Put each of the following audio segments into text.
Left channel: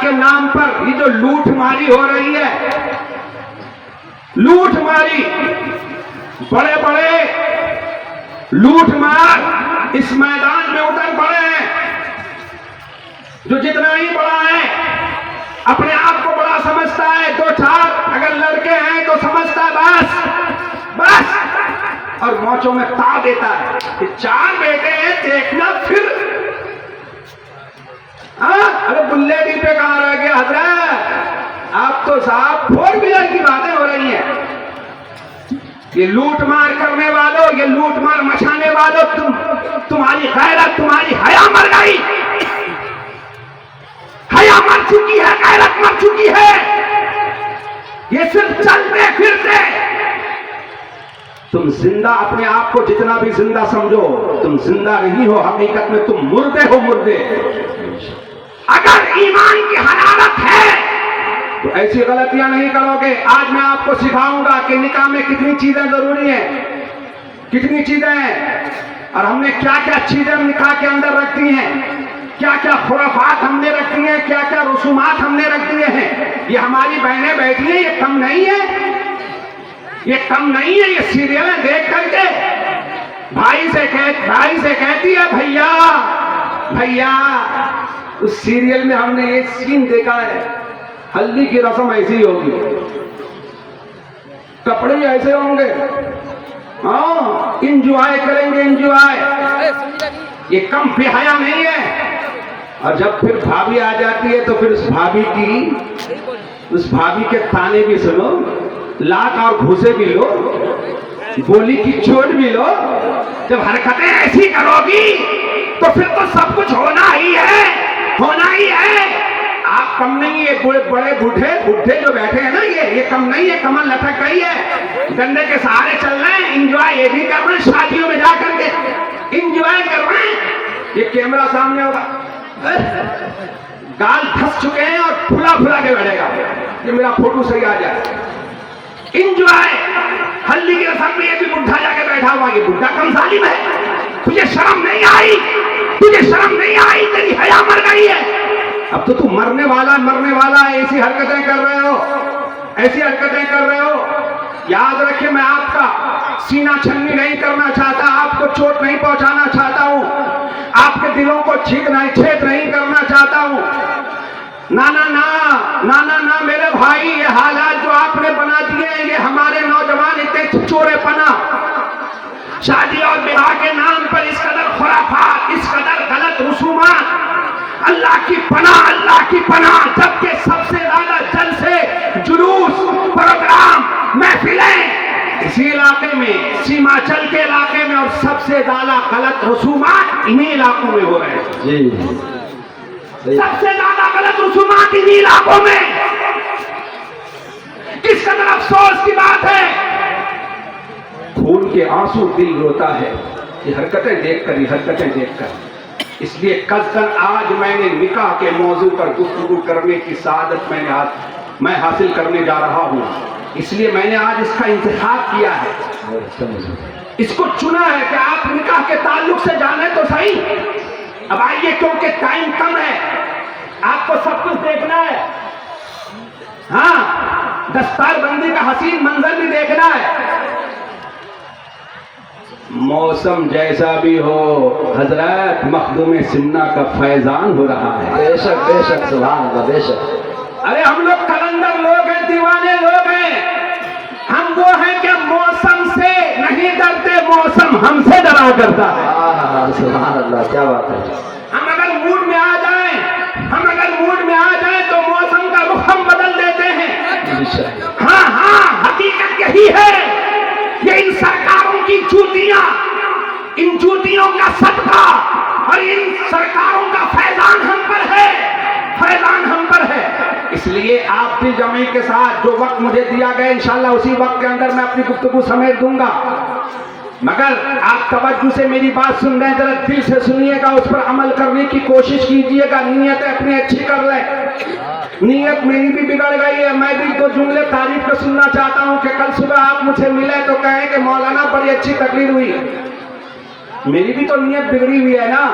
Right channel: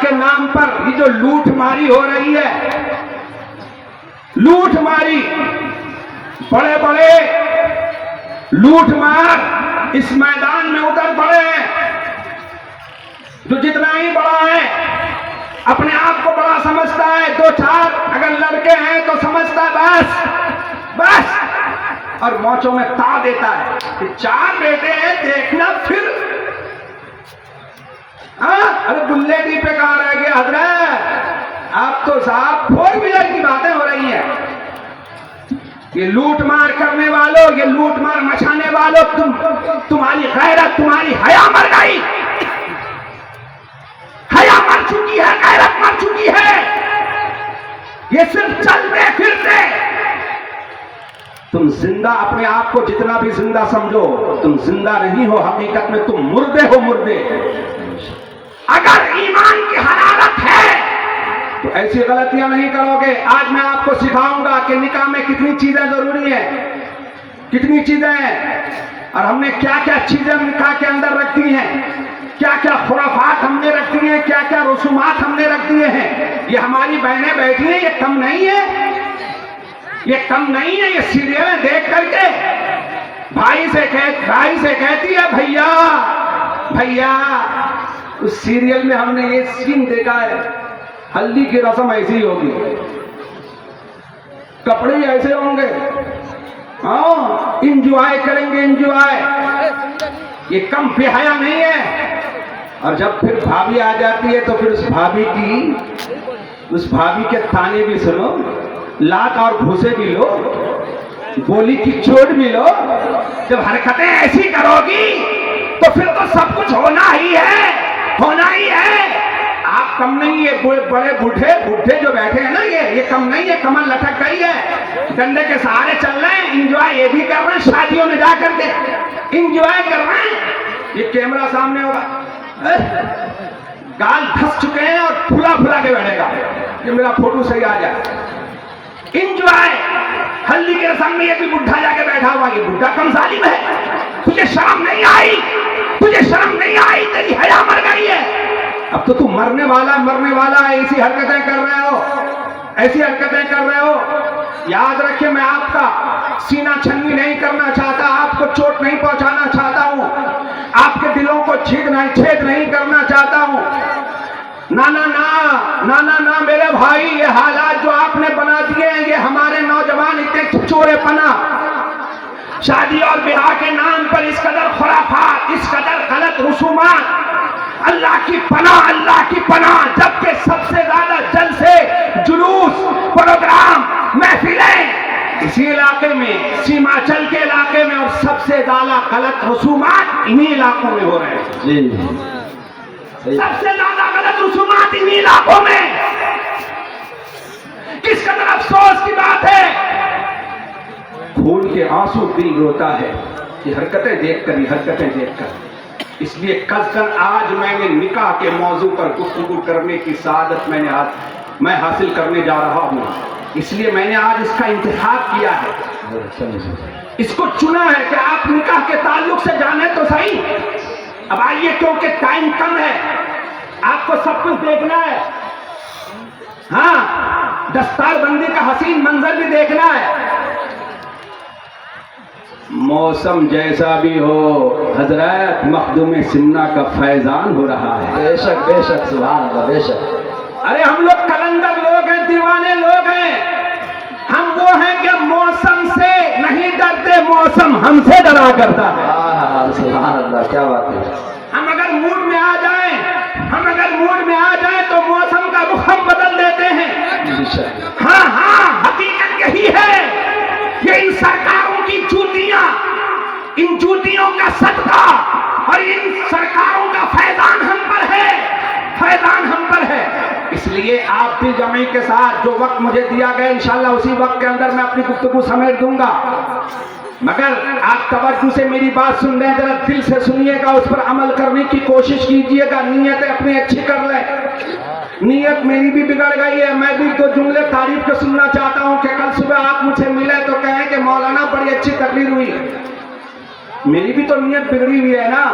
کے نام پر یہ جو لوٹ ماری ہو رہی ہے، لوٹ ماری، بڑے بڑے لوٹ مار اس میدان میں اتر پڑے ہیں، جو جتنا ہی بڑا ہے اپنے آپ کو بڑا سمجھتا ہے، دو چار اگر لڑکے ہیں تو سمجھتا ہے بس اور موچوں میں تا دیتا ہے کہ چار بیٹے ہیں دیکھنا پھر. ارے بلے ڈی پہ کہاں رہ گیا حضرت؟ آپ تو صاحب 4 ویلر کی باتیں ہو رہی ہیں. یہ لوٹ مار کرنے والوں، یہ لوٹ مار مچانے والوں، تمہاری غیرت، تمہاری حیا مر گئی، حیا مر چکی ہے، غیرت مر چکی ہے. یہ صرف چلتے پھرتے، تم زندہ اپنے آپ کو جتنا بھی زندہ سمجھو، تم زندہ نہیں ہو، حقیقت میں تم مردے ہو، مردے. اگر ایمان کی حرارت ہے تو ایسی غلطیاں نہیں کرو گے. آج میں آپ کو سکھاؤں گا کہ نکاح میں کتنی چیزیں ضروری ہیں، کتنی چیزیں ہیں، اور ہم نے کیا کیا چیزیں نکاح کے اندر رکھی ہیں، کیا کیا خرافات ہم نے رکھی ہیں، کیا کیا رسومات ہم نے رکھ دیے ہیں. یہ ہماری بہنیں بیٹھی ہیں، یہ کم نہیں ہے، یہ کم نہیں ہے. یہ سیریلیں دیکھ کر کے بھائی سے کہتی ہے بھیا بھیا اس سیریل میں ہم نے یہ سین دیکھا ہے، ہلدی کی رسم ایسی ہوگی، کپڑے ایسے ہوں گے، ہاں انجوائے کریں گے، انجوائے. یہ کم بے حیا نہیں ہے. اور جب پھر بھابھی آ جاتی ہے تو پھر اس بھابھی کے تانے بھی سنو، لات اور گھوسے بھی لو، بولی کی چوٹ بھی لو. جب حرکتیں ایسی کرو گی تو پھر تو سب کچھ ہونا ہی ہے، ہونا ہی ہے. آپ کم نہیں، یہ بڑے بوڑھے جو بیٹھے ہیں نا، یہ کم نہیں ہے، کمر لٹک گئی ہے، ڈنڈے کے سہارے چل رہے ہیں، انجوائے یہ بھی کر رہے ہیں، شادیوں میں جا کر کے انجوائے کر رہے ہیں. یہ کیمرہ سامنے ہوگا، گال دھس چکے ہیں اور پھلا کے بیٹھے گا کہ میرا فوٹو صحیح آ جائے. انجوائے ہلدی کے سامنے یہ بھی بڈھا جا کے بیٹھا ہوا، یہ بڈھا کم ظالم ہے. تجھے شرم نہیں آئی، تجھے شرم نہیں آئی، تیری حیا مر گئی ہے. اب تو تم مرنے والا ایسی حرکتیں کر رہے ہو، ایسی حرکتیں کر رہے ہو. یاد رکھیں میں آپ کا سینہ چھنی نہیں کرنا چاہتا، آپ کو چوٹ نہیں پہنچانا چاہتا ہوں، آپ کے دلوں کو چھید نہیں کرنا چاہتا ہوں. نا میرے بھائی، یہ حالات جو آپ نے بنا دیے ہیں، یہ ہمارے نوجوان اتنے چورے پنا، شادی اور بیاہ کے نام پر اس قدر خرافات، اس قدر غلط رسومات. اللہ کی پناہ، جبکہ سب سے زیادہ جلسے، جلوس، پروگرام، محفلیں اسی علاقے میں، سیماچل کے علاقے میں، اور سب سے زیادہ غلط رسومات انہی علاقوں میں ہو رہے ہیں. جی سب سے زیادہ غلط رسومات انہی علاقوں میں. کس قدر افسوس کی بات ہے، خون کے آنسو دل روتا ہے یہ حرکتیں دیکھ کر. اس لیے کل آج میں نے نکاح کے موضوع پر گفتگو کرنے کی سعادت میں حاصل کرنے جا رہا ہوں. اس لیے میں نے آج اس کا انتخاب کیا ہے، اس کو چنا ہے کہ آپ نکاح کے تعلق سے جانیں تو صحیح. اب آئیے، کیونکہ ٹائم کم ہے، آپ کو سب کچھ دیکھنا ہے، ہاں دستار بندی کا حسین منظر بھی دیکھنا ہے. موسم جیسا بھی ہو حضرت، مخدوم سمنا کا فیضان ہو رہا ہے. بے شک سبحان اللہ، بے شک. ارے ہم لوگ کلندر لوگ ہیں، دیوانے لوگ ہیں. ہم وہ ہیں کہ موسم سے نہیں ڈرتے، موسم ہم سے ڈرا کرتا ہے. سبحان اللہ، کیا بات ہے. ہم اگر موڈ میں آ جائیں تو موسم کا رخ ہم بدل دیتے ہیں. ہاں حقیقت یہی ہے. یہ ان سرکاروں کی جوتیاں، ان جوتیوں کا صدقہ اور ان سرکاروں کا فیضان ہم پر ہے، فیضان ہم پر ہے. اس لیے آپ بھی جمعی کے ساتھ جو وقت مجھے دیا گیا انشاءاللہ اسی وقت کے اندر میں اپنی گفتگو سمیٹ دوں گا. مگر آپ توجہ سے میری بات سن رہے ہیں، ذرا دل سے سنیے گا، اس پر عمل کرنے کی کوشش کیجیے گا. نیتیں اپنی اچھی کر لیں. نیت میری بھی بگڑ گئی ہے. میں بھی دو جملے تعریف کے سننا چاہتا ہوں کہ کل صبح آپ مجھے ملے تو کہیں کہ مولانا بڑی اچھی تقریر ہوئی. میری بھی تو نیت بگڑی ہوئی ہے نا.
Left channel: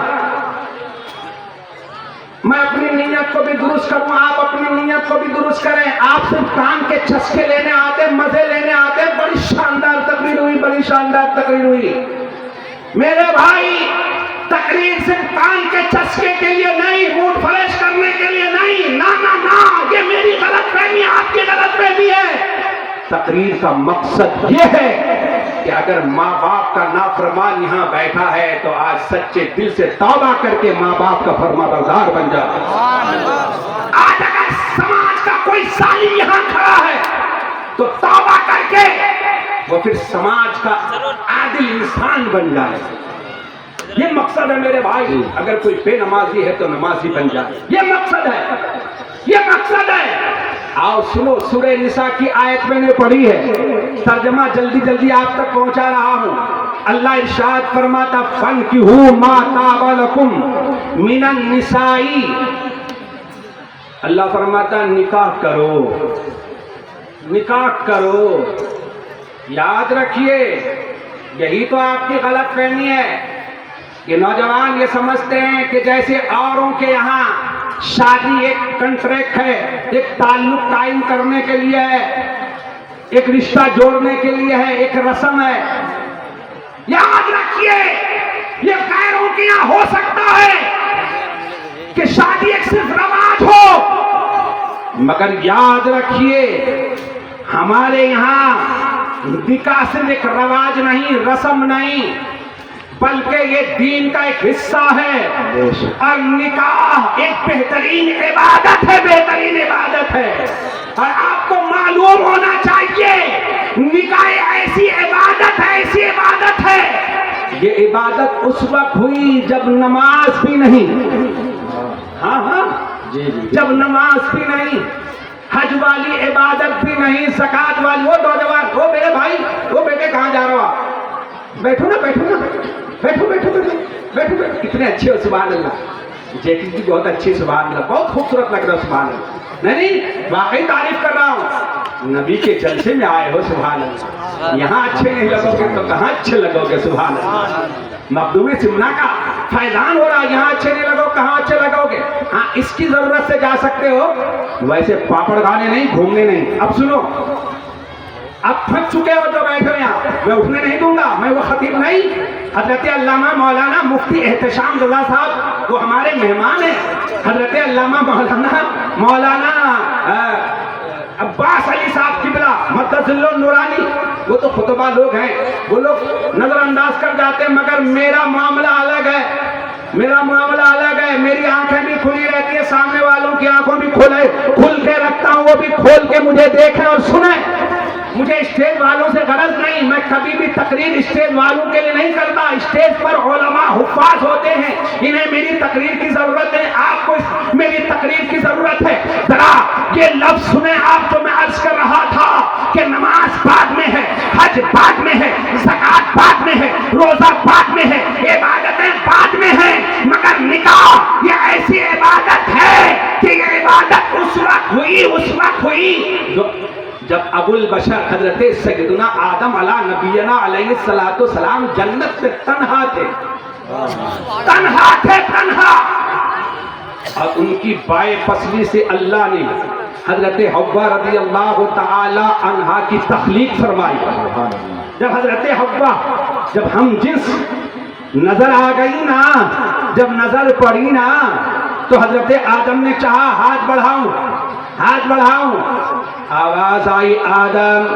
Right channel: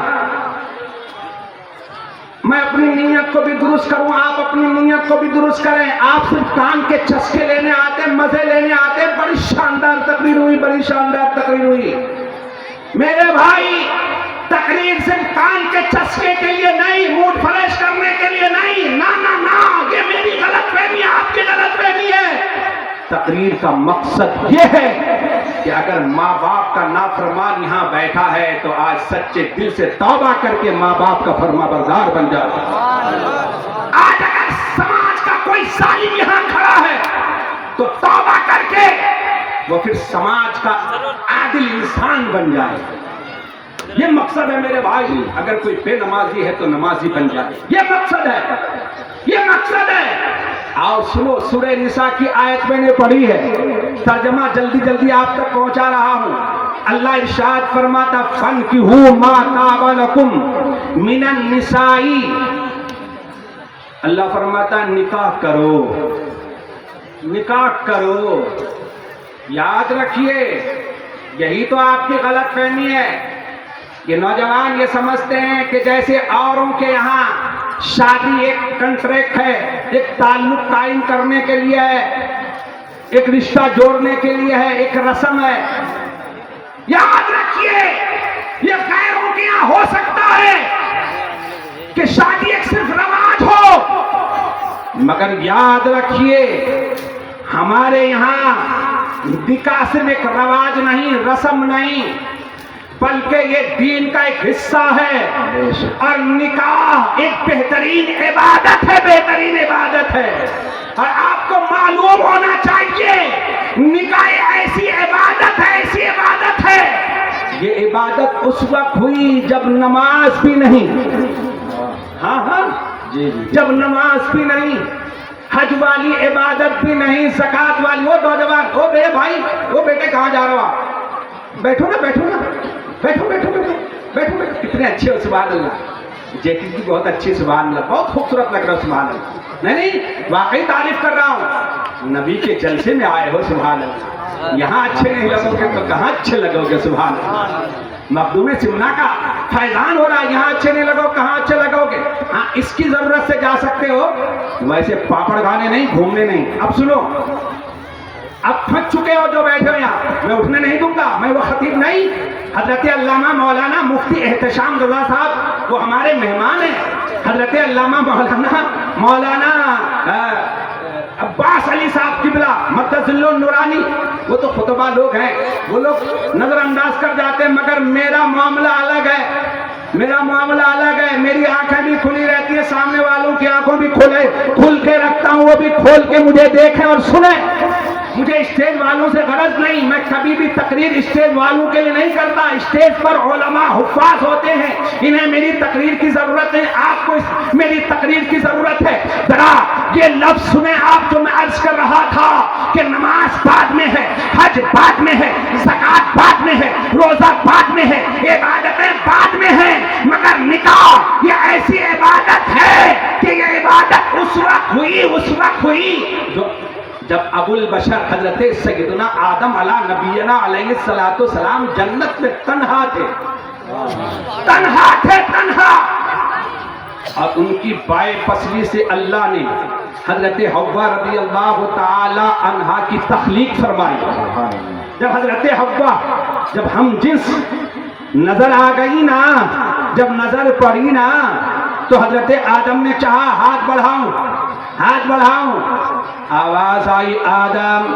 میں اپنی نیت کو بھی درست کروں. آپ تقریر کا مقصد یہ ہے کہ اگر ماں باپ کا نافرمان یہاں بیٹھا ہے تو آج سچے دل سے توبہ کر کے ماں باپ کا فرما بردار بن جا. آج اگر سماج کا کوئی ظالم یہاں کھڑا ہے تو توبہ کر کے وہ پھر سماج کا عادل انسان بن جائے. یہ مقصد ہے میرے بھائی. اگر کوئی بے نمازی ہے تو نمازی بن جائے. یہ مقصد ہے, یہ مقصد ہے. آؤ سنو, سورہ نساء کی آیت میں نے پڑھی ہے, ترجمہ جلدی جلدی آپ تک پہنچا رہا ہوں. اللہ ارشاد فرماتا فَانْكِحُوا مَا طَابَ لَكُم مِنَ النِّسَاءِ. اللہ فرماتا نکاح کرو, نکاح کرو. یاد رکھیے یہی تو آپ کی غلط فہمی ہے. یہ نوجوان یہ سمجھتے ہیں کہ جیسے اوروں کے یہاں شادی ایک کنٹریکٹ ہے, ایک تعلق قائم کرنے کے لیے ہے, ایک رشتہ جوڑنے کے لیے ہے, ایک رسم ہے. یاد رکھیے یہ غیروں کے یہاں ہو سکتا ہے کہ شادی ایک صرف رواج ہو, مگر یاد رکھیے ہمارے یہاں نکاح صرف ایک رواج نہیں, رسم نہیں, بلکہ یہ دین کا ایک حصہ ہے. اور نکاح ایک بہترین عبادت ہے, بہترین عبادت ہے. اور آپ کو معلوم ہونا چاہیے نکاح ایسی عبادت ہے, ایسی عبادت ہے. یہ عبادت اس وقت ہوئی جب نماز بھی نہیں, ہاں ہاں جب نماز بھی نہیں, حج والی عبادت بھی نہیں, زکات والی. وہ نوجوان, وہ میرے بھائی, وہ بیٹے کہاں جا رہا ہو؟ بیٹھو نا, بیٹھو نا, بیٹھو بیٹھو بیٹھو بیٹھو. کتنے اچھے ہو, سبحان اللہ. جیکٹ بھی بہت اچھی, سبحان اللہ, بہت خوبصورت لگ رہا, سبحان اللہ. نہیں واقعی تعریف کر رہا ہوں. نبی کے جلسے میں آئے ہو, سبحان اللہ. یہاں اچھے نہیں لگو گے تو کہاں اچھے لگو گے, سبحان اللہ. مخدوم سمنا کا فیضان ہو رہا, یہاں اچھے نہیں لگو کہاں اچھے لگو گے. ہاں اس کی ضرورت سے جا سکتے ہو, ویسے پاپڑ کھانے نہیں, گھومنے نہیں. اب سنو, اب تھک چکے ہو جو بیٹھے ہیں آپ, میں اٹھنے نہیں دوں گا, میں وہ خطیب نہیں. حضرت علامہ مولانا مفتی احتشام رضا صاحب وہ ہمارے مہمان ہیں. حضرت علامہ مولانا عباس علی صاحب قبلہ مقدس النورانی, وہ تو خطبہ لوگ ہیں, وہ لوگ نظر انداز کر جاتے ہیں. مگر میرا معاملہ الگ ہے, میرا معاملہ الگ ہے. میری آنکھیں بھی کھلی رہتی ہیں, سامنے والوں کی آنکھوں بھی کھل کے رکھتا ہوں, وہ بھی کھول کے مجھے دیکھیں اور سنیں. مجھے اسٹیج والوں سے غرض نہیں, میں کبھی بھی تقریر اسٹیج والوں کے لیے نہیں کرتا. اسٹیج پر علماء حفاظ ہوتے ہیں, انہیں میری تقریر کی ضرورت ہے, آپ کو میری تقریر کی ضرورت ہے. ذرا یہ لفظ سنیں آپ جو میں عرض کر رہا تھا کہ نماز بعد میں ہے, حج بعد میں ہے, زکات بعد میں ہے, روزہ بعد میں ہے, عبادتیں بعد میں ہیں, مگر نکاح یہ ایسی عبادت ہے کہ یہ عبادت اس وقت ہوئی جب ابو البشر حضرت سیدنا آدم علیہ نبینا علیہ السلام جنت میں تنہا تھے, تنہا. اور ان کی بائیں پسلی سے اللہ نے حضرت حوا رضی اللہ تعالی عنہا کی تخلیق فرمائی. جب حضرت حوا, جب ہم جنس نظر آ گئی نا, جب نظر پڑی نا, تو حضرت آدم نے چاہا ہاتھ بڑھاؤں. آواز آئی آدم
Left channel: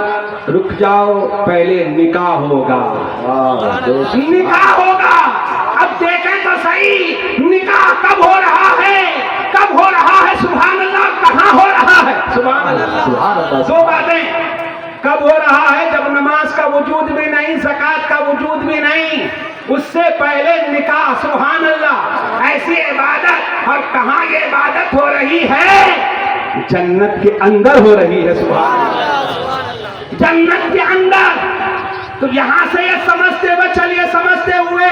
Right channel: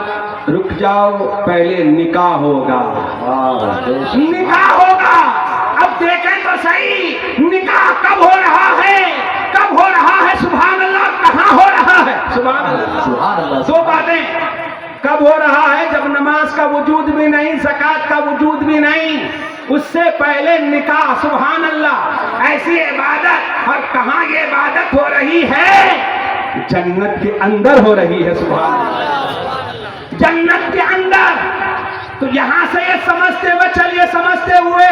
رک جاؤ, پہلے نکاح ہوگا. نکاح ہوگا. اب دیکھیں تو صحیح نکاح کب ہو رہا ہے, کب ہو رہا ہے, سبحان اللہ, کہاں ہو رہا ہے, سبحان اللہ. دو باتیں, کب ہو رہا ہے جب نماز کا وجود بھی نہیں, زکات کا وجود بھی نہیں, اس سے پہلے نکاح. سبحان اللہ, ایسی عبادت. اور کہاں یہ عبادت ہو رہی ہے؟ جنت کے اندر ہو رہی ہے, سبحان اللہ, جنت کے اندر. تو یہاں سے یہ سمجھتے ہوئے چلیے, سمجھتے ہوئے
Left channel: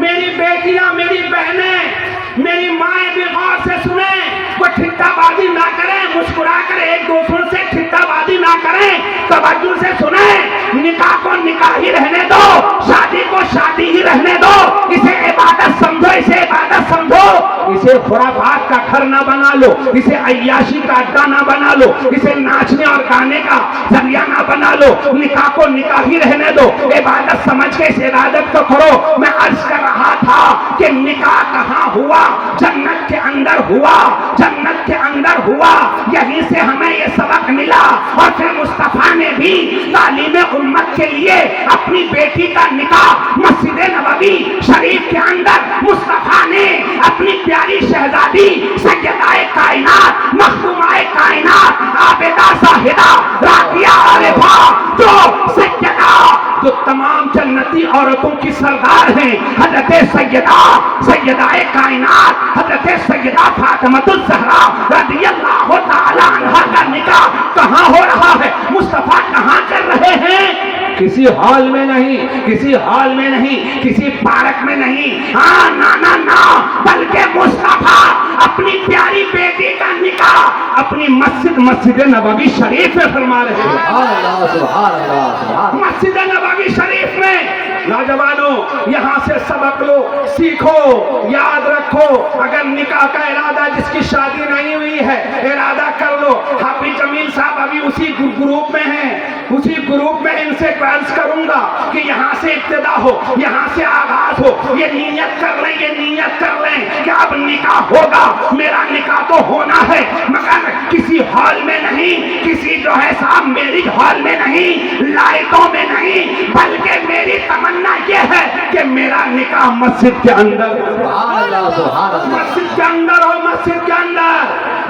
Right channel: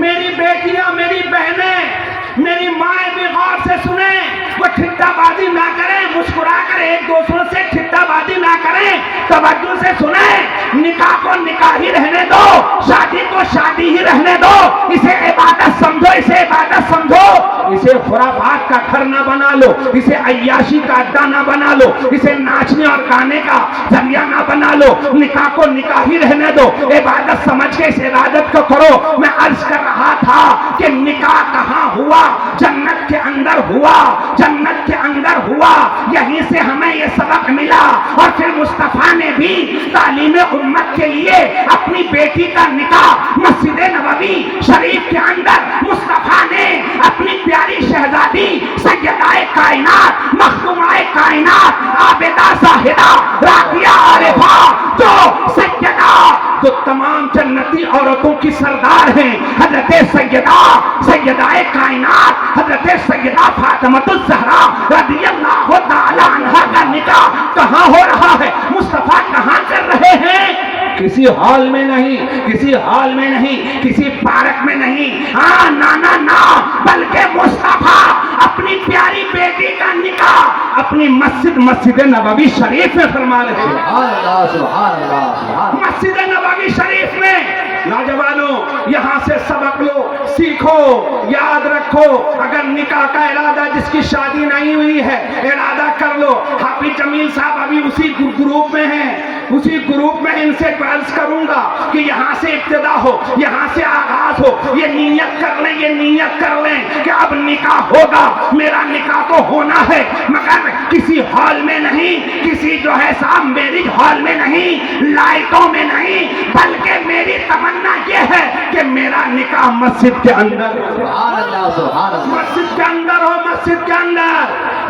میری بیٹیاں, میری بہنیں, میری مائیں بھی غور سے سنیں. وہ ٹھٹا بازی نہ کریں, مسکرا کر ایک دوسروں سے ٹھٹا بازی نہ کریں, توجہ سے سنیں. نکاح کو نکاح ہی رہنے دو, شادی کو شادی ہی رہنے دو. اسے عبادت سمجھو, اسے عبادت سمجھو. اسے خرافات کا گھر نہ بنا لو, اسے عیاشی کا اڈا نہ بنا لو, اسے ناچنے اور گانے کا ذریعہ نہ بنا لو. نکاح کو نکاح ہی رہنے دو, عبادت سمجھ کے اس عبادت کو. عبادت کو کرو. میں عرض کر رہا تھا کہ نکاح کہاں ہوا؟ جنت کے اندر ہوا. جنت کے اندر. اور کہاں یہ عبادت ہے؟ یہ عبادت سمجھو, اس عبادت کو. اندر ہوا، یہیں سے ہمیں یہ سبق ملا۔ اور پھر مصطفیٰ نے بھی تعلیم امت کے لیے اپنی بیٹی کا نکاح مسجد نبوی شریف کے اندر مصطفیٰ نے اپنی پیاری شہزادی سیدہ کائنات مخدومہ کائنات عابدہ زاہدہ راضیہ عارفہ جو تمام جنتی عورتوں کی سردار ہیں، حضرت سیدہ کائنات حضرت سیدہ فاطمہ الزہرا رضی اللہ تعالی عنہا کا نکاح کہاں ہو رہا ہے؟ مصطفیٰ کہاں کر رہے ہیں؟ کسی ہال میں نہیں، کسی ہال میں نہیں، کسی پارک میں نہیں، ہاں نا بلکہ مصطفیٰ اپنی پیاری بیٹی کا نکاح اپنی مسجد نبوی شریف میں فرما رہے ہیں۔ سبحان اللہ سبحان اللہ سبحان اللہ۔ مسجد نبوی شریف میں نوجوانوں یہاں سے سبق لو، سیکھو، یاد رکھو۔ اگر نکاح کا ارادہ جس کی شادی نہیں ہوئی ہے ارادہ کر لو۔ حافظ جمیل صاحب ابھی اسی گروپ میں ہیں، اسی گروپ میں ان سے عرض کروں گا کہ یہاں سے ابتدا ہو، یہاں سے آغاز ہو، یہ نیت کر لیں، یہ نیت کر لیں کہ اب نکاح ہوگا، میرا نکاح تو ہونا ہے، مگر کسی ہال میں نہیں، کسی جو ہے صاحب میرج ہال میں نہیں، لائٹوں میں نہیں، بلکہ میری تمنا یہ ہے کہ میرا نکاح مسجد کے اندر ہو، سبحان اللہ سبحان اللہ۔ مسجد کے اندر ہو، مسجد کے اندر،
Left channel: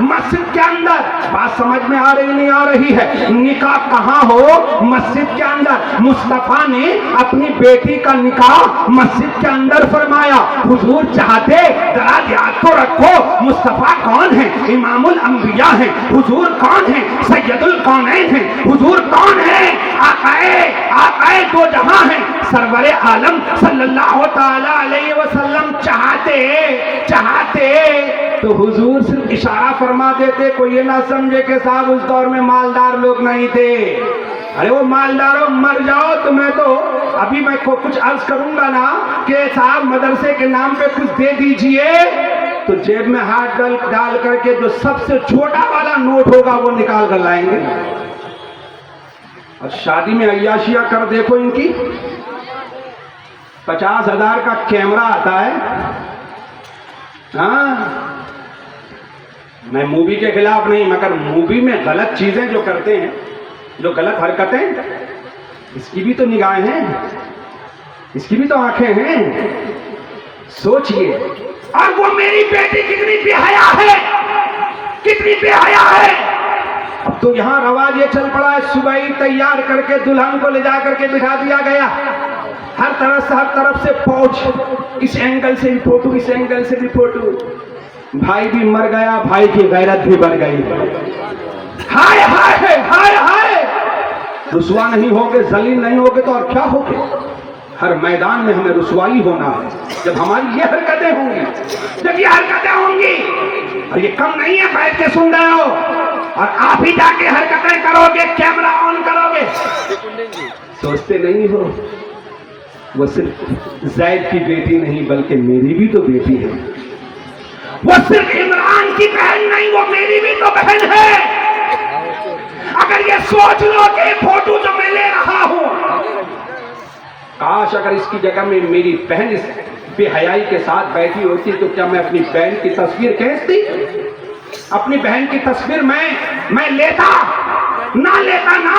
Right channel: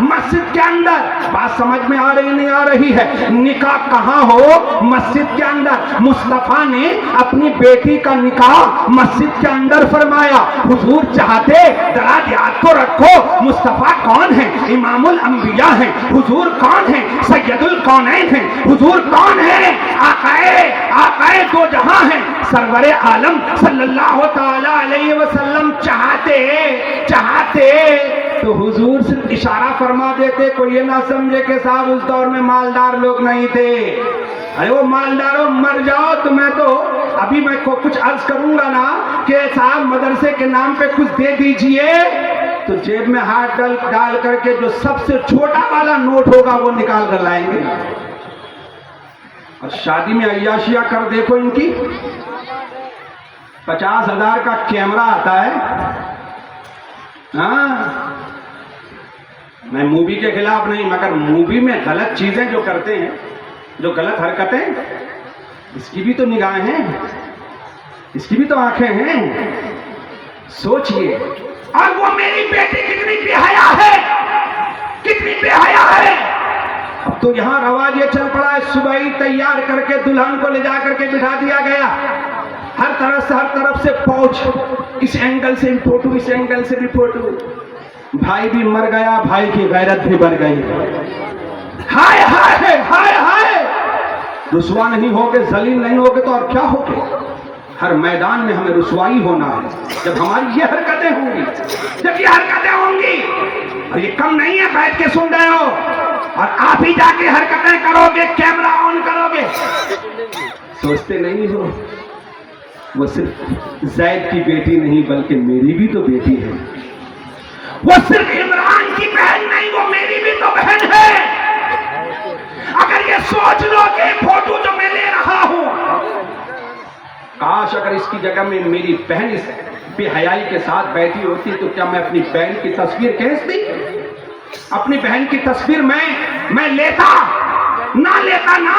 مسجد کے اندر۔ بات سمجھ میں آ رہی نہیں آ رہی ہے؟ نکاح کہاں ہو؟ مسجد کے اندر۔ مصطفیٰ نے اپنی بیٹی کا نکاح مسجد کے اندر فرمایا۔ حضور چاہتے ذرا یاد تو رکھو مصطفیٰ کون ہے؟ امام الانبیاء ہیں۔ حضور کون ہیں؟ سید الکونین ہیں۔ حضور کون ہے؟ آقائے دو جہاں ہیں، سرور عالم صلی اللہ تعالی علیہ وسلم چاہتے تو حضور صرف اشارہ فرما دیتے، کوئی یہ نہ سمجھے کہ صاحب اس دور میں مالدار لوگ نہیں تھے۔ ارے وہ مالداروں مر جاؤ، تمہیں تو ابھی میں کچھ عرض کروں گا نا کہ صاحب مدرسے کے نام پہ کچھ دے دیجئے تو جیب میں ہاتھ ڈال کر کے جو سب سے چھوٹا والا نوٹ ہوگا وہ نکال کر لائیں گے۔ اور شادی میں عیاشیاں کر دیکھو ان کی، 50,000 کا کیمرہ آتا ہے۔ ہاں میں مووی کے خلاف نہیں، مگر مووی میں غلط چیزیں جو کرتے ہیں، جو غلط حرکتیں، اس کی بھی تو نگاہیں ہیں، اس کی بھی تو آنکھیں ہیں۔ سوچئے، اور وہ میری بیٹی کتنی بے حیا ہے، کتنی بے حیا ہے۔ اب تو یہاں رواج یہ چل پڑا ہے، صبح ہی تیار کر کے دلہن کو لے جا کر کے بٹھا دیا گیا، ہر طرف سے پہنچ، اس اینگل سے بھی فوٹو، اس اینگل سے بھی فوٹو۔ بھائی بھی مر گیا، بھائی کی غیرت بھی بڑھ گئی۔ ہائے ہائے ہائے ہائے، رسوا نہیں ہوگے، ذلیل نہیں ہوگے تو اور کیا ہوگے؟ ہر میدان میں ہمیں رسوائی ہونا ہے جب ہماری یہ حرکتیں ہوں گی، جب یہ حرکتیں ہوں گی۔ اور یہ کم نہیں ہے بیٹھ کے سن رہے ہو، اور آپ ہی جا کے حرکتیں کرو گے، کیمرہ آن کرو گے۔ سوچتے نہیں ہو وہ صرف زید کی بیٹی نہیں بلکہ میری بھی تو بیٹی ہے، وہ صرف عمران کی بہن نہیں، وہ میری بھی تو بہن ہے۔ اگر یہ سوچ لو کہ فوٹو جو میں لے رہا ہوں، کاش اگر اس کی جگہ میں میری بہن اس بے حیائی کے ساتھ بیٹھی ہوتی تو کیا میں اپنی بہن کی تصویر کھینچتی؟ اپنی بہن کی تصویر میں لیتا نہ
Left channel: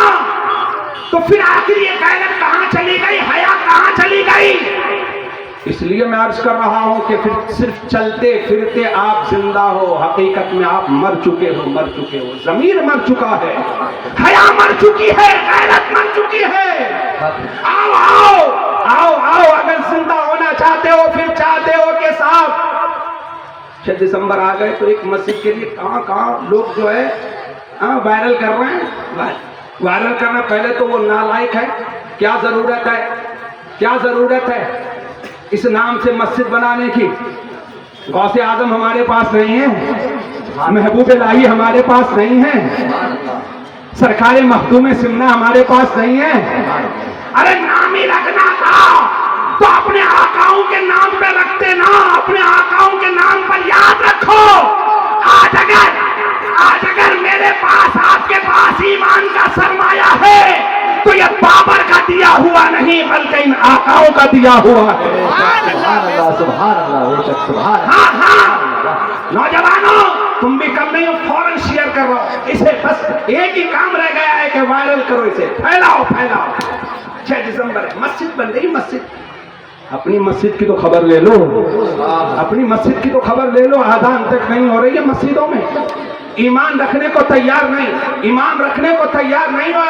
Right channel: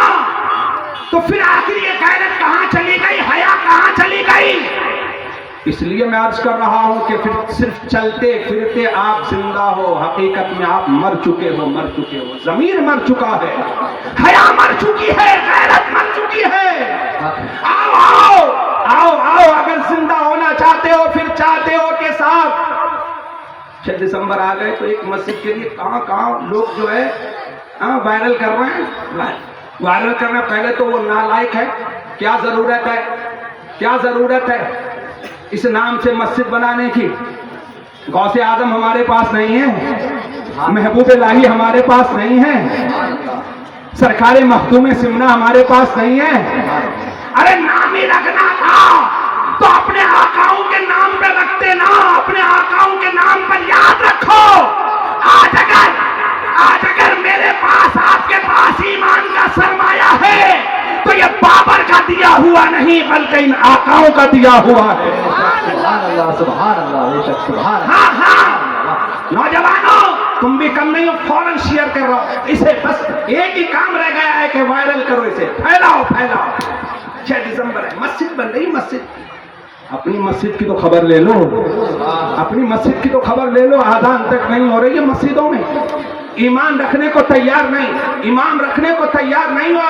تو پھر آخر یہ غیرت کہاں چلی گئی، حیا کہاں چلی گئی؟ اس لیے میں عرض کر رہا ہوں کہ پھر صرف چلتے پھرتے آپ زندہ ہو، حقیقت میں آپ مر چکے ہو، ضمیر مر چکا ہے، حیا مر چکی ہے، غیرت مر چکی ہے۔ آؤ اگر زندہ ہونا چاہتے ہو، پھر چاہتے ہو کہ صاحب 6 دسمبر آ گئے تو ایک مسجد کے لیے کہاں لوگ جو ہے وائرل کر رہے ہیں۔ وائرل کرنا پہلے تو وہ نالائق ہے، کیا ضرورت ہے اس نام سے مسجد بنانے کی؟ غوث اعظم ہمارے پاس نہیں ہے، محبوب الہی ہمارے پاس نہیں ہے، سرکار مخدوم سمنا ہمارے پاس نہیں ہے۔ ارے نام ہی رکھنا تھا تو اپنے آقاؤں کے نام پہ رکھتے نا، اپنے آقاؤں کے نام پر یاد رکھو۔ آج اگر میرے پاس آپ کے پاس ایمان کا سرمایہ ہے تو یہ بابر کا دیا ہوا نہیں بلکہ ان آقاؤں کا دیا ہوا ہے۔ سبحان اللہ بے شک سبحان اللہ۔ ہاں نوجوانوں تم بھی کم نہیں ہو، فوراً پھیلاؤ 6 دسمبر ہے مسجد بن رہی مسجد اپنی مسجد کی تو خبر لے لو اپنی مسجد کی تو خبر لے لو آذان تک نہیں ہو رہی ہے مسجدوں میں ایمان رکھنے کو تیار نہیں ایمان رکھنے کو تیار نہیں ہو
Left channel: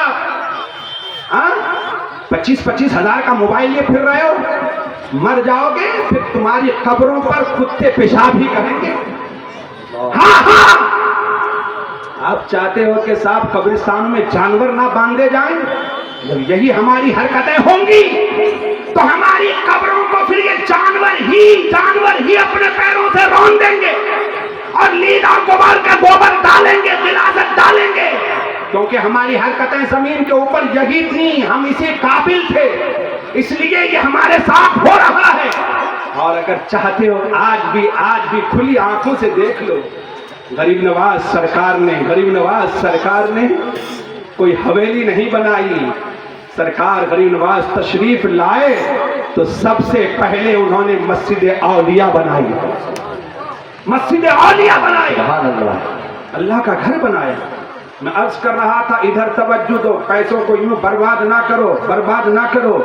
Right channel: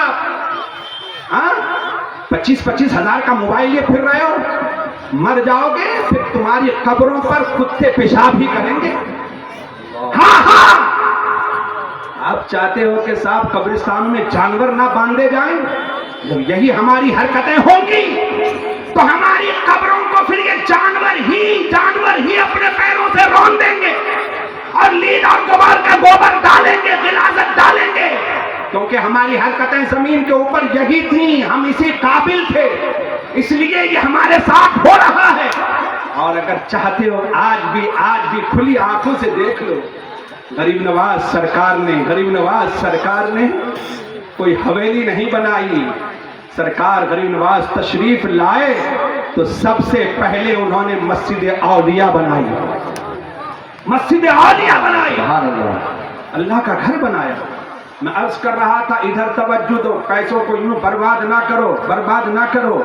آپ 25 ہزار کا موبائل لیے پھر رہے ہو مر جاؤ گے پھر تمہاری قبروں پر کتے پیشاب ہی کریں گے ہاں آپ چاہتے ہو کہ صاحب قبرستان میں جانور نہ باندھے جائیں جب یہی ہماری حرکتیں ہوں گی تو ہماری قبروں کو پھر یہ جانور ہی اپنے پیروں سے رون دیں گے اور لید اور غبار کا گوبر ڈالیں گے غلاظت ڈالیں گے کیونکہ ہماری حرکتیں زمین کے اوپر یہی تھیں ہم اسی قابل تھے اس لیے یہ ہمارے ساتھ ہو رہا ہے اور اگر چاہتے ہو آج بھی کھلی آنکھوں سے دیکھ لو غریب نواز سرکار نے کوئی حویلی نہیں بنائی سرکار غریب نواز تشریف لائے تو سب سے پہلے انہوں نے مسجد اولیاء بنائی اللہ کا گھر بنایا میں عرض کر رہا تھا ادھر توجہ دو پیسوں کو یوں برباد نہ کرو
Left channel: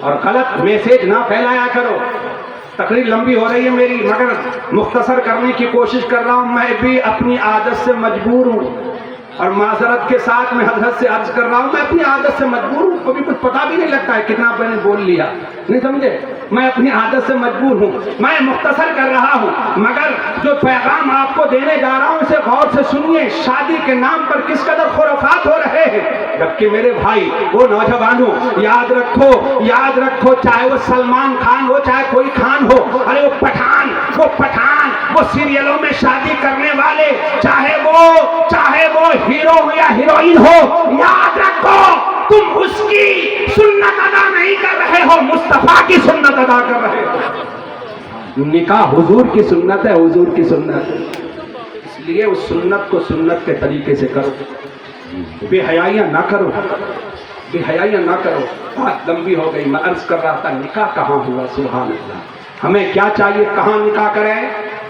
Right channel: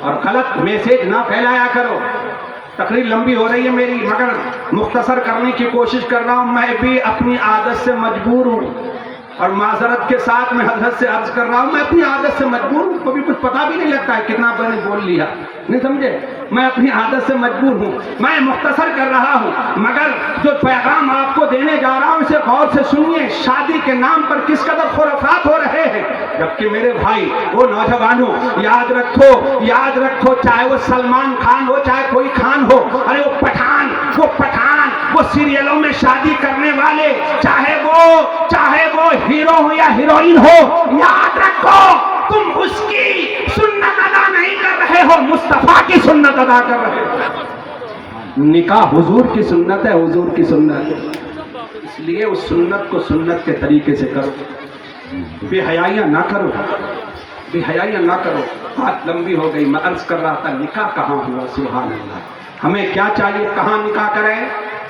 اور غلط میسج نہ پھیلایا کرو تقریر لمبی ہو رہی ہے میری مگر مختصر کرنے کی کوشش کر رہا ہوں میں بھی اپنی عادت سے مجبور ہوں اور معذرت کے ساتھ میں حضرت سے عرض کر رہا ہوں میں اپنی عادت سے مجبور ہوں کبھی کچھ پتا بھی نہیں لگتا ہے کتنا میں نے بول لیا نہیں سمجھے میں اپنی عادت سے مجبور ہوں میں مختصر کر رہا ہوں مگر جو پیغام آپ کو دینے جا رہا ہوں اسے غور سے سنیے شادی کے نام پر کس قدر خرافات ہو رہے ہیں جبکہ میرے بھائی وہ نوجوانوں یاد رکھو چاہے وہ سلمان خان ہو چاہے کوئی خان ہو ارے وہ پٹھان وہ سیریلوں میں شادی کرنے والے چاہے وہ ہیرو ہو یا ہیروئن ہو یاد رکھو تم اس کی سنت ادا نہیں کر رہے ہو مصطفیٰ کی سنت ادا کر رہے ہو نکاح حضور کی سنت ہے حضور کی سنت اس لیے اس سنت کو سنت کے طریقے سے کرو بے حیائیاں نہ کرو بات لمبی ہو گئی میں عرض کر رہا تھا نکاح کہاں ہوا سبحان اللہ ہمیں کیا چاہیے کہاں نکاح کریں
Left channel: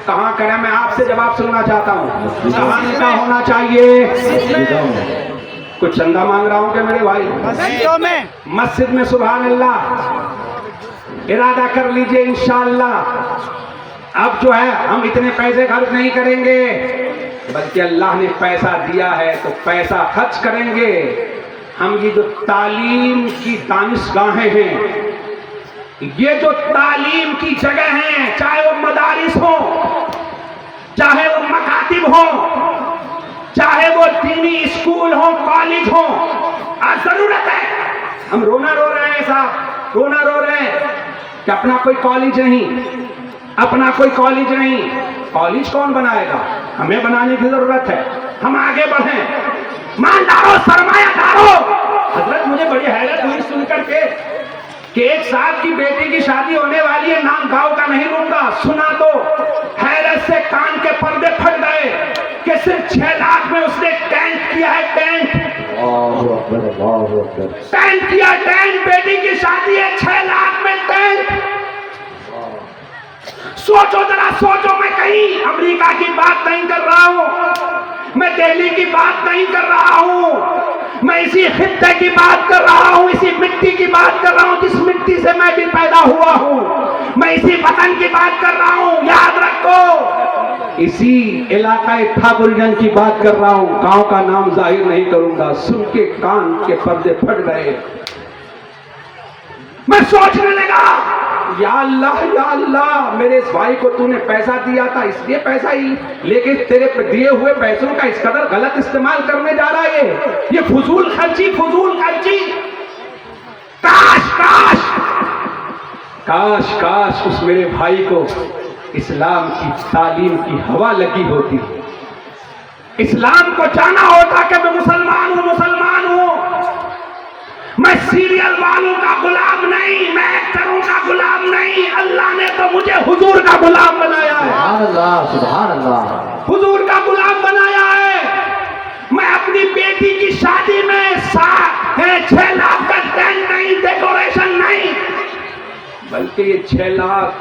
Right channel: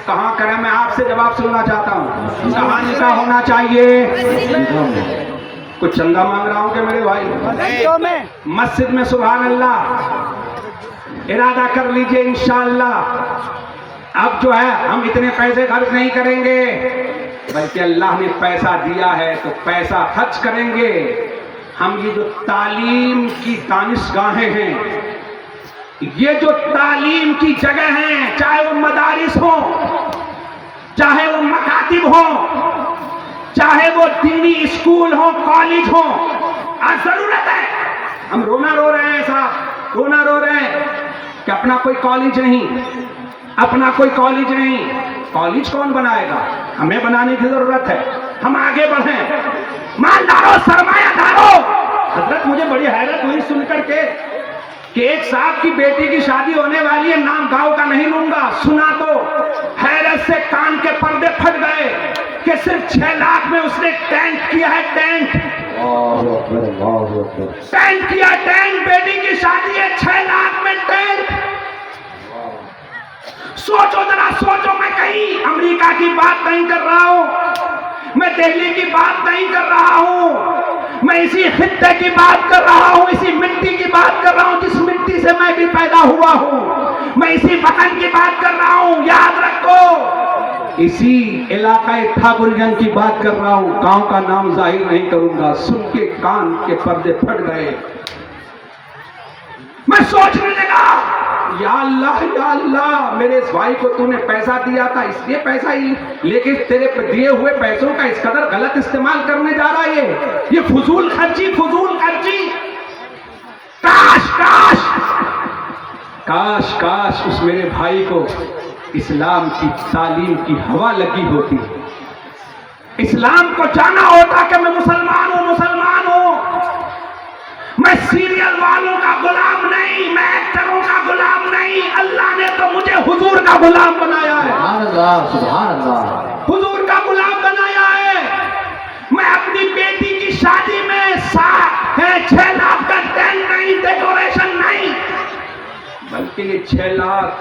میں آپ سے جواب سننا چاہتا ہوں کہاں نکاح ہونا چاہیے کچھ چندہ مانگ رہا ہوں کہ میرے بھائی مسجد میں سبحان اللہ ارادہ کر لیجئے انشاءاللہ اب جو ہے ہم اتنے پیسے خرچ نہیں کریں گے بلکہ اللہ نے پیسہ دیا ہے تو پیسہ خرچ کریں گے ہم یہ جو تعلیم کی دانشگاہیں ہیں یہ جو تعلیم کی جگہ ہیں چاہے وہ مدارس ہوں چاہے وہ مکاتب ہوں چاہے وہ دینی اسکول ہوں کالج ہوں آج ضرورت ہے ہم رونا رو رہے ہیں کہ اپنا کوئی کالج نہیں کالج کون بنائے گا ہمیں بنانے کی ضرورت ہے ہم آگے بڑھیں مالداروں سرمایہ داروں حضرت مجھے بڑی حیرت ہوئی سن کر کے کہ ایک صاحب کی بیٹی کی شادی ہونے والی ہے نام گاؤں کا نہیں لوں گا سنا تو حیرت سے کان کے پردے پھٹ گئے کہ صرف 6 لاکھ میں اس نے ٹینٹ کیا ہے ٹینٹ بیٹی کی شادی ہے 6 لاکھ میں ٹینٹ سوچو میں کہیں امریکہ کی بات نہیں کر رہا ہوں میں دہلی کی بات نہیں کر رہا ہوں میں اسی خطے کی بات کر رہا ہوں اسی مٹی کی بات کر رہا ہوں جس مٹی سے میں بھی پیدا ہوا ہوں میں اسی وطن کی بات کر رہا ہوں یاد رکھو اسی علاقہ تھاپرجن کی بات کر رہا ہوں گاؤں کا نام ظاہر نہیں کروں گا سن کے کان کے پردے پھٹ گئے میں سوچنے لگا یا اللہ میرے اس بھائی کو تو نے پیسہ دیا تھا اس لیے پیسہ ہی لیکن تیرے دیے ہوئے پیسوں کا اس قدر غلط استعمال کرنے جا رہا ہے یہ فضول خرچی کاش اس میرے بھائی کو اسلام کی تعلیم کی ہوا لگی ہوتی اسلام کو جانا ہوتا کہ میں مسلمان ہوں میں سیریل والوں کا غلام نہیں میں ایکٹروں کا غلام نہیں اللہ نے تو مجھے حضور کا غلام بنایا ہے سبحان اللہ حضور کا غلام بنایا ہے میں اپنی بیٹی کی شادی میں 6 لاکھ کا ٹینٹ نہیں ڈیکوریشن نہیں بلکہ یہ 6 لاکھ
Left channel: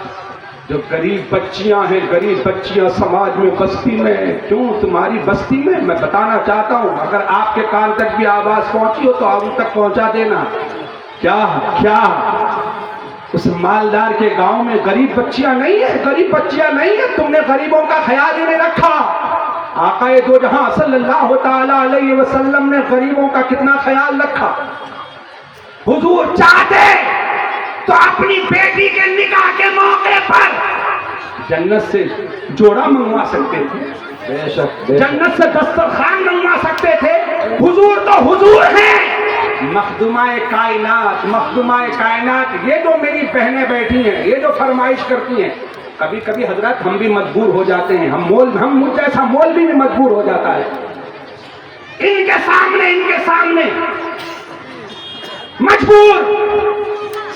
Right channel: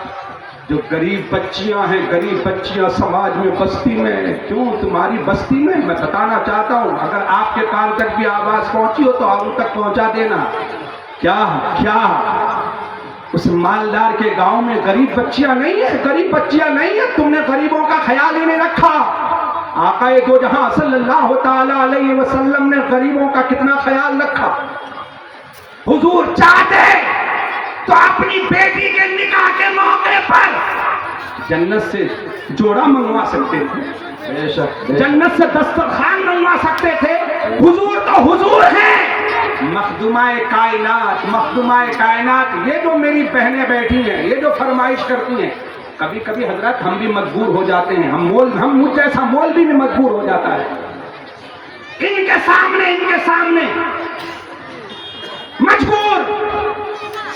جو غریب بچیاں ہیں، غریب بچیاں سماج میں بستی میں، کیوں تمہاری بستی میں، میں بتانا چاہتا ہوں، اگر آپ کے کان تک بھی آواز پہنچی ہو تو ان تک پہنچا دینا۔ کیا اس مالدار کے گاؤں میں غریب بچیاں نہیں ہیں؟ غریب بچیاں نہیں ہیں، تم نے غریبوں کا خیال ہی نہیں رکھا۔ آقا دو جہاں صلی اللہ تعالی علیہ وسلم نے غریبوں کا کتنا خیال رکھا۔ حضور چاہتے تو اپنی بیٹی کے نکاح کے موقع پر جنت سے جوڑا منگوا سکتے تھے، بے شک بے شک جنت سے دسترخوان منگوا سکتے تھے۔ حضور تو حضور ہیں، مخدومہ کائنات، یہ جو میری بہنیں بیٹھی ہیں، یہ جو فرمائش کرتی ہیں، کبھی کبھی حضرت ہم بھی مجبور ہو جاتے ہیں، ہم مجھ جیسا مولوی بھی مجبور ہو جاتا ہے ان کے سامنے مجبور۔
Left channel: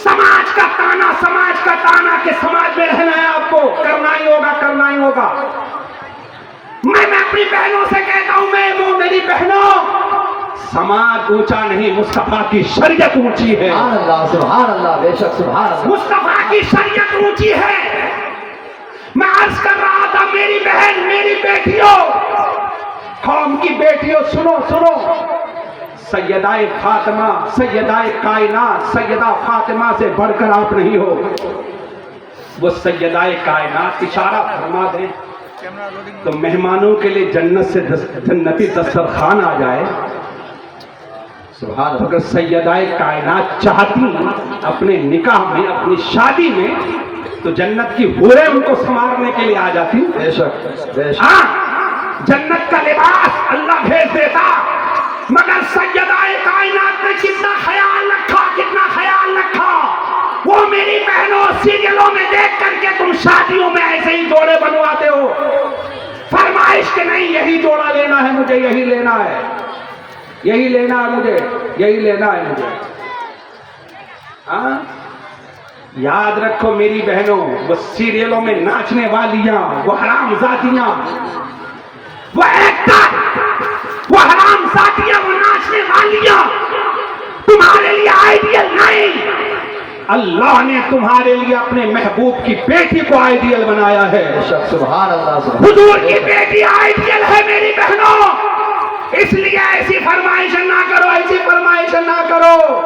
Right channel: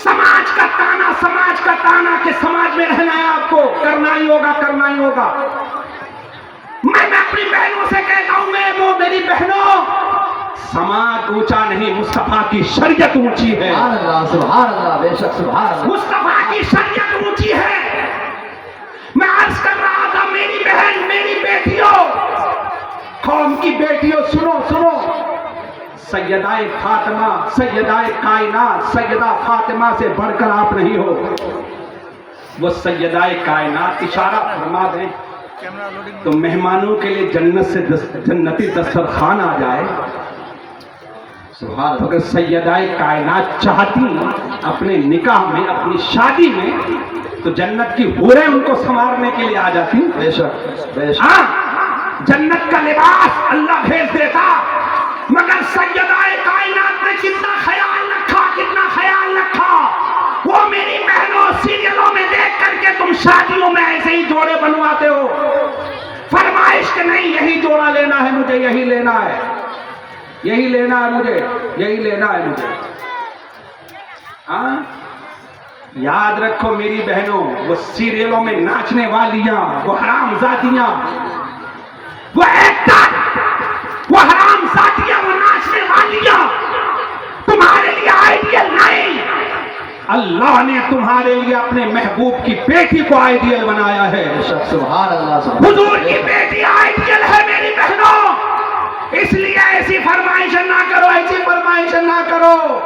سماج کا تانا کہ سماج میں رہنا ہے، آپ کو کرنا ہی ہوگا۔ میں اپنی بہنوں سے کہتا ہوں، میری بہنوں، سماج اونچا نہیں، مصطفیٰ کی شریعت اونچی ہے۔ سبحان اللہ بے شک سبحان اللہ۔ مصطفیٰ کی شریعت اونچی ہے۔ میں عرض کر رہا تھا، میری بہن، میری بیٹیوں، قوم کی بیٹیوں، سنو، سیدہ فاطمہ، سیدہ کائنات، سیدہ فاطمہ سے بڑھ کر آپ نہیں ہو۔ وہ سیدہ کائنات اشارہ فرما دیں تو مہمانوں کے لیے جنت سے جنتی دسترخوان آ جائے۔ سبحان اللہ اگر سیدہ کائنات چاہتی اپنے نکاح میں، اپنی شادی میں، تو جنت کی حوریں ان کو سنوارنے کے لیے آ جاتی۔ بے شک بے شک۔ ہاں، جنت کا لباس اللہ بھیج دیتا، مگر سیدہ کائنات نے کتنا خیال رکھا۔ وہ میری بہنوں، سیریلوں میں دیکھ کر کے تم شادیوں میں ایسے ہی جوڑے بنواتے ہو، فرمائش کہ نہیں یہی جوڑا لینا ہے مجھے، یہی لینا ہے مجھے۔ ہاں، یاد رکھو میری بہنوں، وہ سیریلوں میں ناچنے والیاں، وہ حرام زادیاں، وہ ایکٹر، وہ حرام زادیاں، وہ ناچنے والیاں تمہارے لیے آئیڈیل نہیں۔ اللہ نے تمہارے لیے اپنے محبوب کی بیٹی کو آئیڈیل بنایا ہے۔ بے شک سبحان اللہ سبحان حضور کی بیٹی آئیڈیل ہے میری بہنوں، اس لیے ایسی فرمائش نہ کرو۔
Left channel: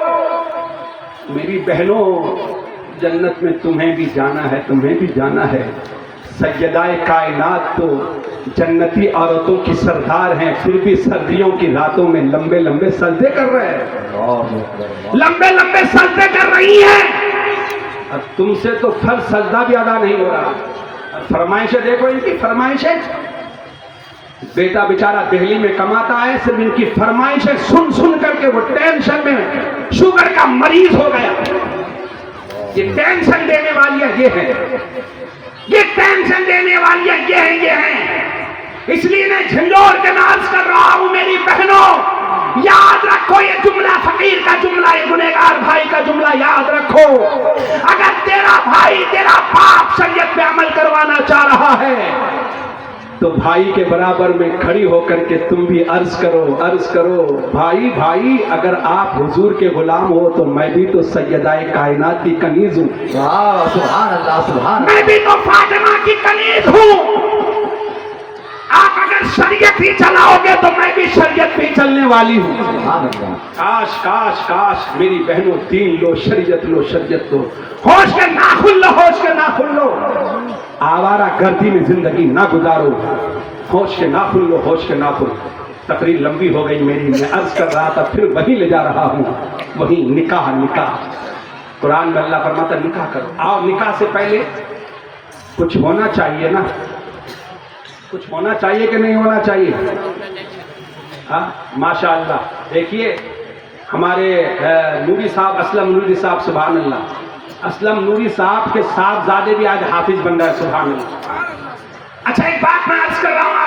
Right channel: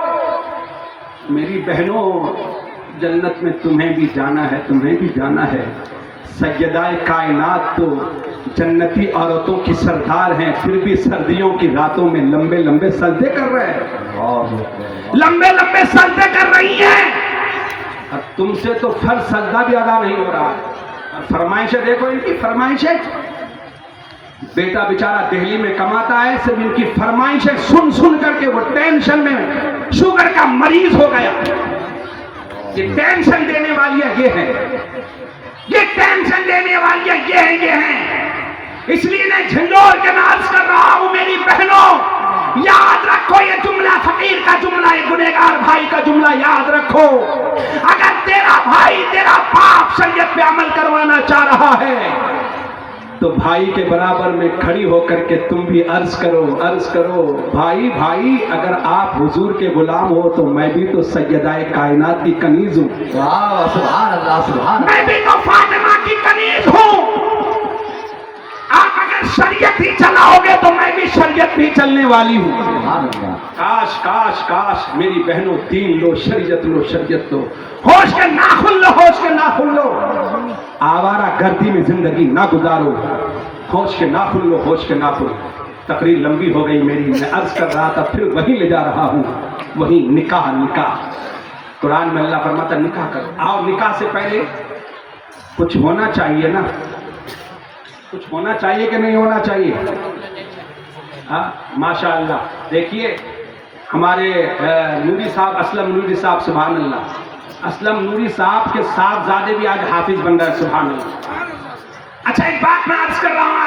میری بہنوں، جنت میں تمہیں بھی جانا ہے۔ سیدہ کائنات تو جنتی عورتوں کی سردار ہیں، پھر بھی سردیوں کی راتوں میں لمبے سجدے کر رہے ہیں، لمبے سجدے کر رہی ہیں۔ اب تم سے تو فرض سجدہ بھی ادا نہیں ہو رہا۔ فرمائشیں دیکھو ان کی فرمائشیں، بیٹا بیچارہ دہلی میں کماتا ہے، صرف ان کی فرمائشیں سن کر کے وہ ٹینشن میں شوگر کا مریض ہو گیا۔ یہ ٹینشن دینے والی ہے، یہ ٹینشن دینے والی ہے، یہ ہیں۔ اس لیے میں جھنجھوڑ کے عرض کر رہا ہوں، میری بہنوں، یاد رکھو یہ جملہ، فقیر کا جملہ، یہ گنہگار بھائی کا جملہ یاد رکھو۔ اگر تیرا بھائی، تیرا باپ شریعت پہ عمل کروانا چاہ رہا ہے تو بھائی کے برابر میں کھڑی ہو کر کے تم بھی عرض کرو، بھائی اگر آپ حضور کے غلام ہو تو میں بھی تو سیدہ کائنات کی کنیز ہوں، سبحان اللہ سبحان میں بھی تو فاطمہ کی کنیز ہوں۔ آپ اگر شریعت ہی چلاؤ گے تو میں بھی شریعت بھی چلنے والی ہوں۔ اللہ کاش میری بہنوں، دین لو، شریعت لو، ہوش کے ناخن لو، آوارہ گردی میں زندگی نہ گزارو، ہوش کے ناخن۔ تقریر لمبی ہو گئی میری، میں عرض کر رہا تھا، پھر وہی لے جا رہا ہوں، وہی نکاح۔ قرآن میں اللہ فرماتا ہے نکاح کرو۔ آپ نکاح سے پہلے کچھ ہونا چاہیے نا، کچھ ہونا چاہیے کہ نہیں ہونا چاہیے؟ ہاں، ماشاء اللہ۔ دیکھیے ہمارے نوری صاحب، اسلم نوری صاحب، سبحان اللہ، اسلم نوری صاحب کے صاحبزادے بھی آج حافظ بن رہے ہیں، سبحان اللہ۔ اچھا، ایک بات میں عرض کر رہا ہوں،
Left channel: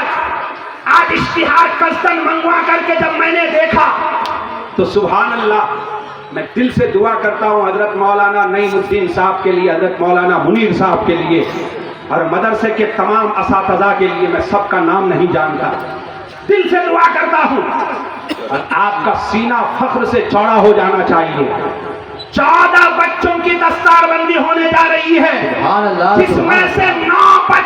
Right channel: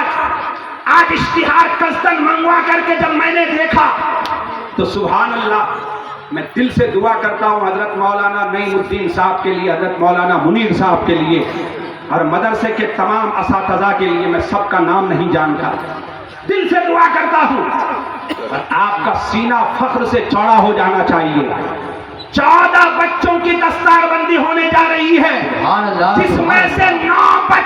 آج اشتہار قصدن منگوا کر کے جب میں نے دیکھا تو سبحان اللہ، میں دل سے دعا کرتا ہوں حضرت مولانا نعیم الدین صاحب کے لیے، حضرت مولانا منیر صاحب کے لیے، اور مدرسے کے تمام اساتذہ کے لیے، میں سب کا نام نہیں جانتا، دل سے دعا کرتا ہوں، اور آپ کا سینہ فخر سے چوڑا ہو جانا چاہیے۔ 14 بچوں کی دستار بندی ہونے جا رہی ہے، جس میں سے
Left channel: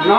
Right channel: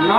9